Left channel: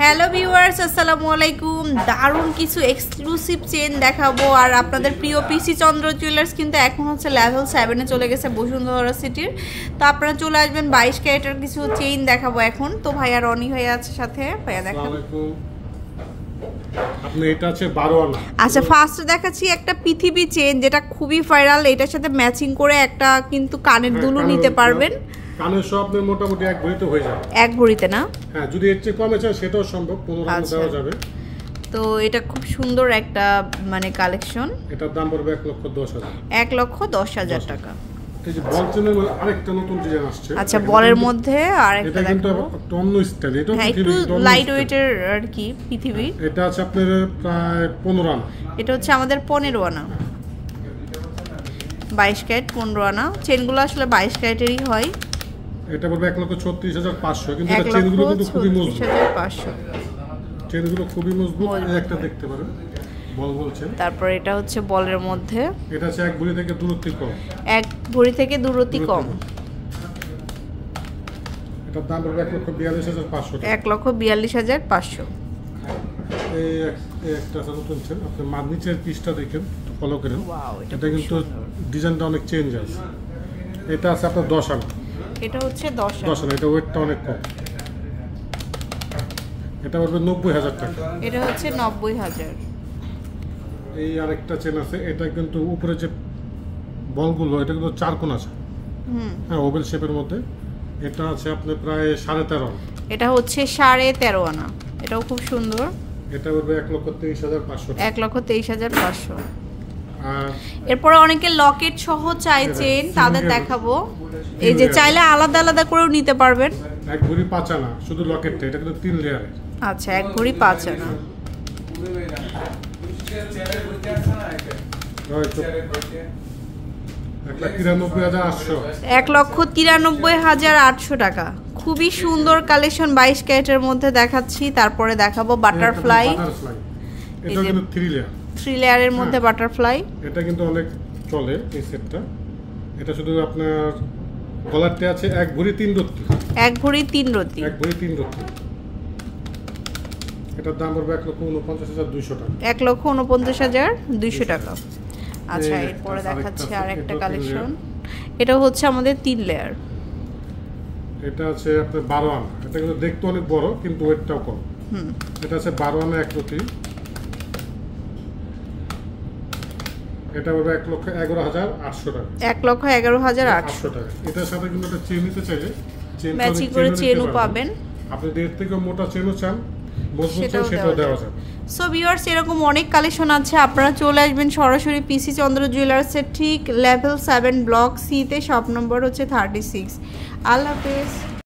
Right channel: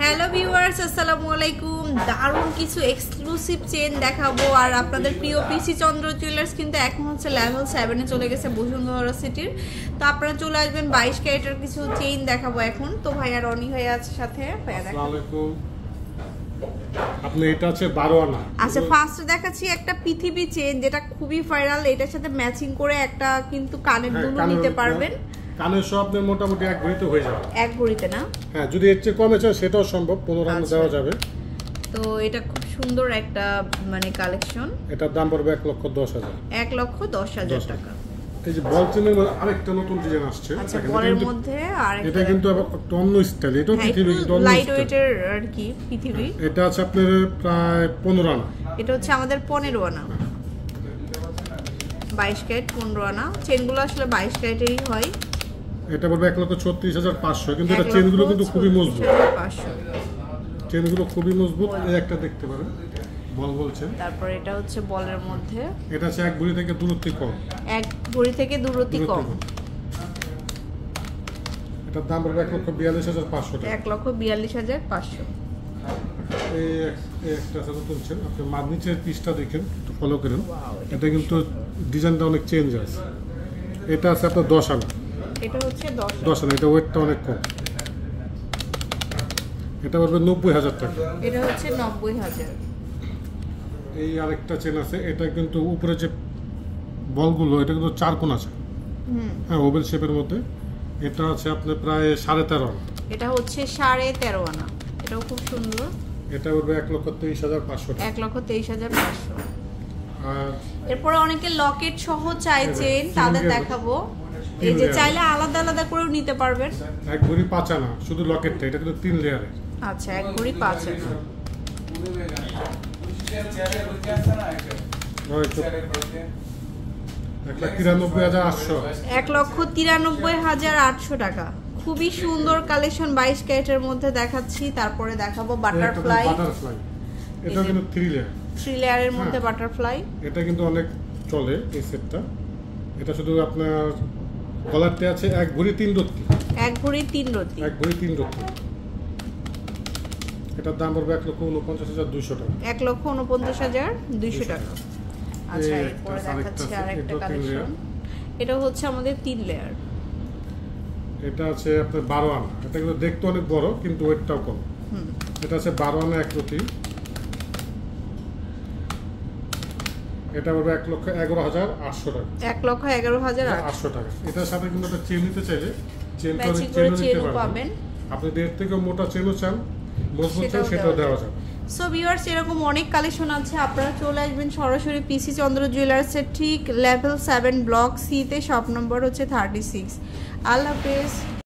Hello viewers, আসসালামু আলাইকুম। দারুণ কিছু এক্সক্লুসিভ চেন দেখাবো। আর আপনাদের প্রিয় পিসি চন্দ্র জুয়েলার্স কিন্তু এখন হচ্ছে লেভেল 7-এ চলে গেছে বসুন্ধরা সিটির। তো আপনারা চলে আসবেন, 22 ক্যারেটের কিছু চেইন দেখাবো এখন। তো ভাইয়া রনি হয়ে আছে সাথে। ভাইয়া দেখাবো। আসসালামু আলাইকুম। আপনি এটা আছে 12 আনা। আচ্ছা, ফার্স্ট দেখাচ্ছি একটা পৃথিবী চেইন যেটা খুবই ভাইরাল। এটার সাথে ম্যাচিং করে একটা কিন্তু কানের দুলও নিতে পারবেন। কানের সব আপনার মোটামুটি এক ভরিতে হয়ে যাবে। এক ভরিতে না? হ্যাঁ, যদি এর চেয়ে কমে চায় সেটাও সম্ভব, 15 আনা দেওয়া যাবে। তো এটা খুব সুন্দর একটা মানে কালেকশন। এটার দাম পড়বে 1,10,000। 1,10,000 টাকা। এই যে বল চেনের মধ্যে আরেকটা নতুন ডিজাইন আসছে। আচ্ছা, বলের মধ্যে আরেকটা এটা কিন্তু অন্য স্টাইল। এটা পৃথিবী লাইট ওয়েটের আর কি পৃথিবী। এটা আছে আপনার প্রায় 15 আনা। এটা হচ্ছে আমাদের 15 আনা। 22 ক্যারেট 15 আনা। চেনগুলো আসলে 22 ক্যারেটেরই হয়। এটা বলবে 1,36,500, কিন্তু এটা চেনগুলো কিন্তু খুবই মজবুত। 36,500 চেনগুলো খুবই মজবুত। এই একটা দেখতে পারেন, বল বলছেন। তারপর এটা হচ্ছে বলের মধ্যে। এটা হচ্ছে এক ভরি থেকে দূরত্ব কম। এক ভরি থেকে দূরত্ব কম। এটার দাম পড়বে 1,42,500 টাকা। 1,42,500। এই একটা নতুন চেন। আপনি নিচের পিসটা দেখেন, ফলো করেন। এটা কিন্তু ডিজাইনটা অনেক চেঞ্জ আছে। এটা আছে আপনার 10 আনা। এটা হচ্ছে 10 আনা। এটা ওয়েটটা অনেক কম। এটা পড়বে 90,000 টাকা। এটা হচ্ছে 90,000। এই আরেকটা চেন আছে। এটা কিন্তু উপরে যে বলগুলো, এটা কিন্তু 4 কোণ আছে। হ্যাঁ, ওভেল শেপের মধ্যে। এটা আছে আপনার প্রায় 13.5 আনা। এটা হচ্ছে 13.5 আনা। এটাও খুব সুন্দর। এটা পড়বে 1,23,500 টাকা। 1,23,500। আর এরপরে অনেকে লকেট সহ চাইছেন, তাদের দেখাবো। এই যে চাইলে আলাদা আলাদা করেও নিতে পারবেন। এক ভরি 5 আনা শুধু লকেটটা। এটা কিন্তু 3 লেয়ারে। আচ্ছা, এক ভরি 5 আনা। 1,93,800 টাকা। খুবই সুন্দর কালেকশন, 22 ক্যারেটের মধ্যে দেখাচ্ছি। তারপরে দেখাবো বাটারফ্লাই। এটা কিন্তু 3 লেয়ার। 3 লেয়ারের মধ্যে বাটারফ্লাই। এটা কিন্তু অনেক চলে এই সেটটা। এটা শুধু আপনার গলারতে আছে এক ভরি 3 রত্তি। এক ভরি 3 রত্তি। এক ভরি 3 রত্তি। এটার দাম পড়বে 1,49,200 টাকা। 1,49,200 টাকা। আচ্ছা, এরপরে দেখাচ্ছি আরেকটা কালেকশন। এটা হচ্ছে আমাদের 3 লেয়ার। এটা আছে আপনার 12 আনা। এটা কিন্তু দেখতে অনেক বড়, কিন্তু ওয়েটটাও কম। এটা আছে 12 আনা এক রত্তি। এটা পড়বে 1,11,800 টাকা। 1,11,800 টাকা। এটার সাথে কিন্তু একটা চেন নিতে চাইলে চেনও পাবেন। আপনি এর থেকে মোটা চেনও চান, মজবুত চেন, সেটাও দেওয়া যাবে। সো ভিউয়ার্স, এরকম অনেক কালেকশন আছে। আপনারা চলে আসবেন সরাসরি পিসি চন্দ্র জুয়েলার্সের ঠিক লেভেল 7 ব্লক সি তে। শপ নম্বর হচ্ছে 36। আল্লাহ হাফেজ।